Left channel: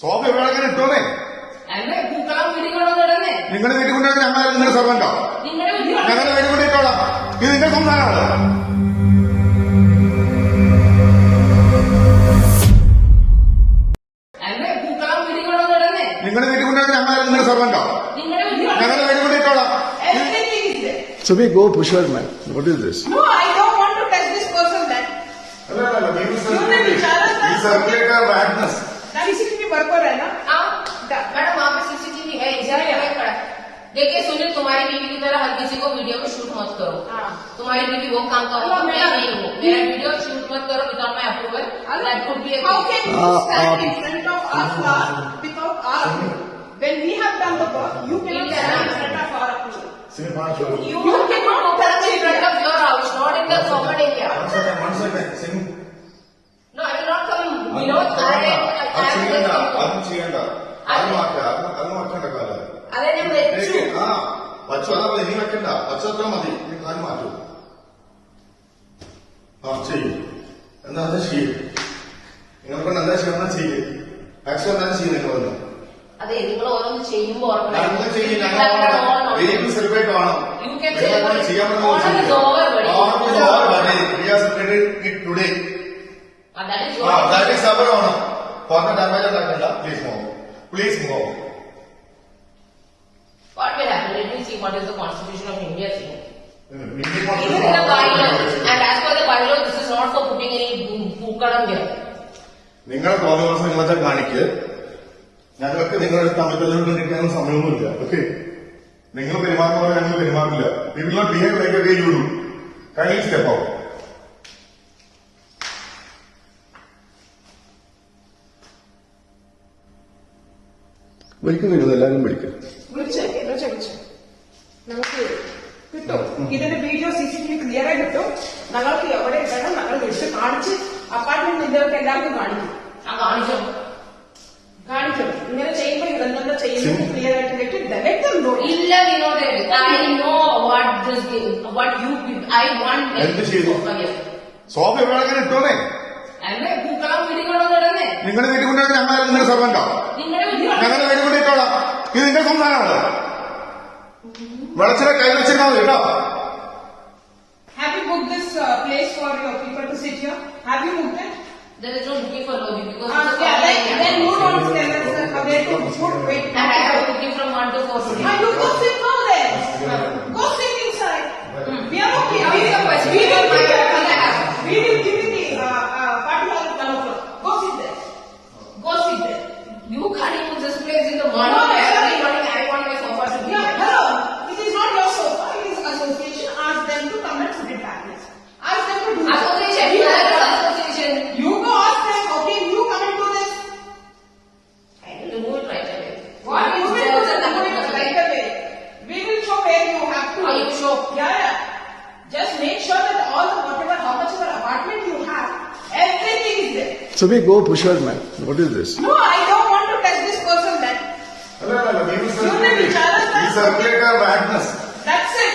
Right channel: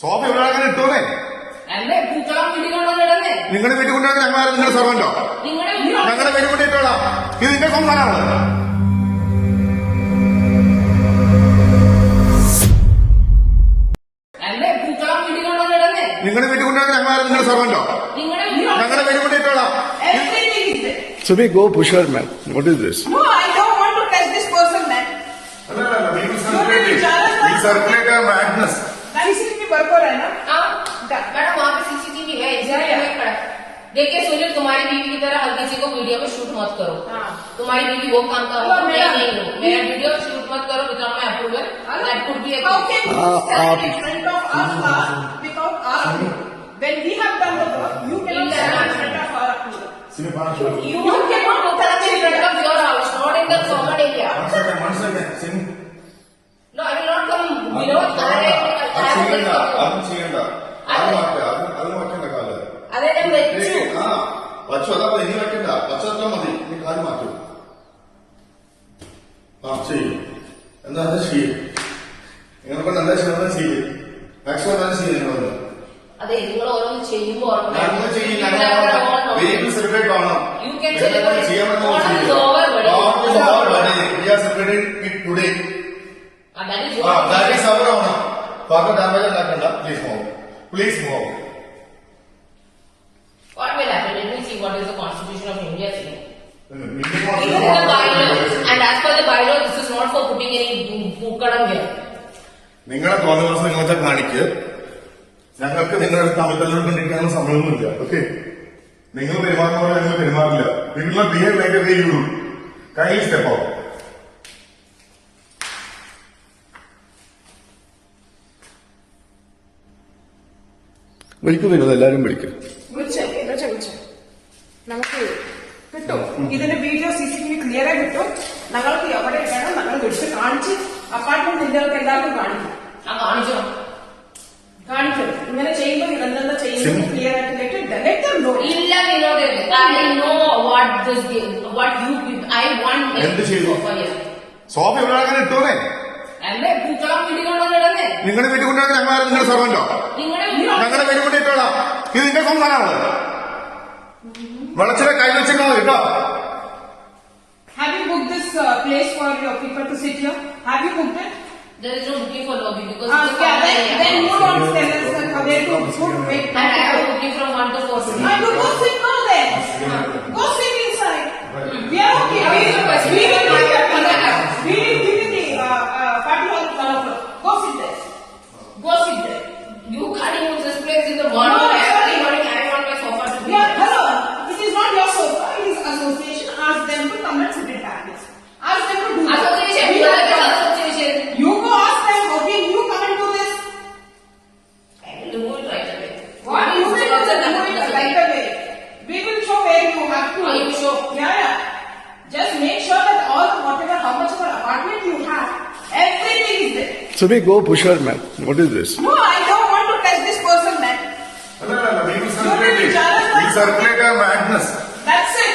സോഫ ഇവിടെ അങ്ങനെ ഇട്ടോന്നേ. നിങ്ങളുടെ വീട്ടിൽ കൊണ്ടുവന്ന് ഞങ്ങളാരും നിങ്ങളുടെ സർവന്റോ? ഞങ്ങളുടെ വീട്ടിൽ കൊണ്ട് ഇട്ടോളാം. ഇത് നിന്റെ സംസാരമാണ്. നിങ്ങളുടെ വീട്ടിൽ കൊണ്ടുവന്ന് ഞങ്ങളാരും നിങ്ങളുടെ സർവന്റോ? ഞങ്ങളുടെ വീട്ടിൽ കൊണ്ട് ഇട്ടോളാം. Subi, go push her, man. What is this? No, I don't want to touch this person, man. CCTV work हो रहा है ना? मैडम वहाँ पे CCTV है। देखिए सुनील, तुम्हारी बीवी की तरह हर किसी को वीडियो में शूट मत करो। तुम्हारी बीवी वो काम का मेरा वीडियो शूट मत करो without my approval. That could be How can you stand in front of us without our approval? When we have done the work, you cannot stand in front of our approval. You cannot open up in front of your house, not in the common area. No, I will not come below. അതെ ഞാൻ വെച്ചു. പച്ചവെള്ളം ഇനി വെക്കണ്ട, പച്ചവെള്ളം മതി. ഇനി കാല് മാറ്റൂ. ചെയ്യും. എന്താ ചെയ്യും? നിങ്ങൾക്ക് നല്ല ക്ഷമ ചെയ്യും. മാക്സിമം നല്ല ചെയ്യും. നിങ്ങളൊന്ന് അതെ, നിങ്ങൾ ഓരോന്ന് ചെയ്യുമ്പോ സെലിബ്രേറ്റ് ആണോ? Please move. What will happen? Let me see what is the Constitution of India saying. It is in the bylaw, and as per the bylaw, this is not for putting any പൂക്കളം here. നിങ്ങളെ തോന്നുന്ന നിങ്ങളൊക്കെ കാണിക്ക്. ഞങ്ങൾക്ക് നിങ്ങളുടെ തമ്മിൽ കൊണ്ടിരിക്കാനുള്ള സമയമൊന്നുമില്ല. ഓക്കെ, നിങ്ങൾ പെരുമാറുമ്പോൾ ഞങ്ങൾ പെരുമാറില്ല. നിങ്ങൾ behave like a way you do. Kindly step out. വിളിക്കും നിങ്ങൾ എല്ലാരും വിളിക്കും. നമുക്ക് കിട്ടും ഇതിന്റെ വീഡിയോ CCTV ക്ലിയർ ആയി കിട്ടും. ഞങ്ങൾക്ക് എവിടെ ഇടണം ഞങ്ങൾ വിളിച്ച് കാണിച്ച് അപ്പാർട്ട്മെന്റ് ഇന്ത്യകൾക്ക് എല്ലാവർക്കും കാണിക്കും. കാണിക്കും. ഇങ്ങനെ ചെയ്യുമ്പോൾ ഇതെന്താ ചെയ്യുന്നത് ക്ലിയർ ആയിട്ട് ഇല്ല Vinod, I know what you I want. എന്ത് ചെയ്തു? സോഫ ഇവിടെ അങ്ങനെ ഇട്ടോന്നേ. പൂക്കളം വീട്ടിൽ കൊണ്ടുവന്നിടന്നേ. നിങ്ങളുടെ വീട്ടിൽ കൊണ്ടുവന്ന് ഞങ്ങളാരും നിങ്ങളുടെ സർവന്റോ? ഞങ്ങളുടെ വീട്ടിൽ കൊണ്ട് ഇട്ടോളാം. ഇത് നിന്റെ സംസാരമാണ്. വെളച്ചിലെ കൈ വെച്ചിരുന്നാൽ മതി കേട്ടോ. Have you booked this place for your people to sit here? Have you booked it? There is no booking for lobby because then you don't tell us where to put wait. I have booking from 1 to 4. You go sit now then. Go sit inside. We are okay. We will give you the party hall at 1 o'clock. Go sit there. Go sit there. You can't use this place in the morning. No, I want my sofa to be yeah, hello. This is not your sofa. It is association. Ask them to come and sit it back. Ask them to do this. Association. You go ask them. Okay, you come and do this. I will remove it right away. What you will remove it right away. We will show where you have to. Oh, you show. Yeah. Just make sure that all whatever how much of an apartment you have, everything is there. Subi, go push her, man. What is this? No, I don't want to touch this person, man. We circulate our madness. That's it.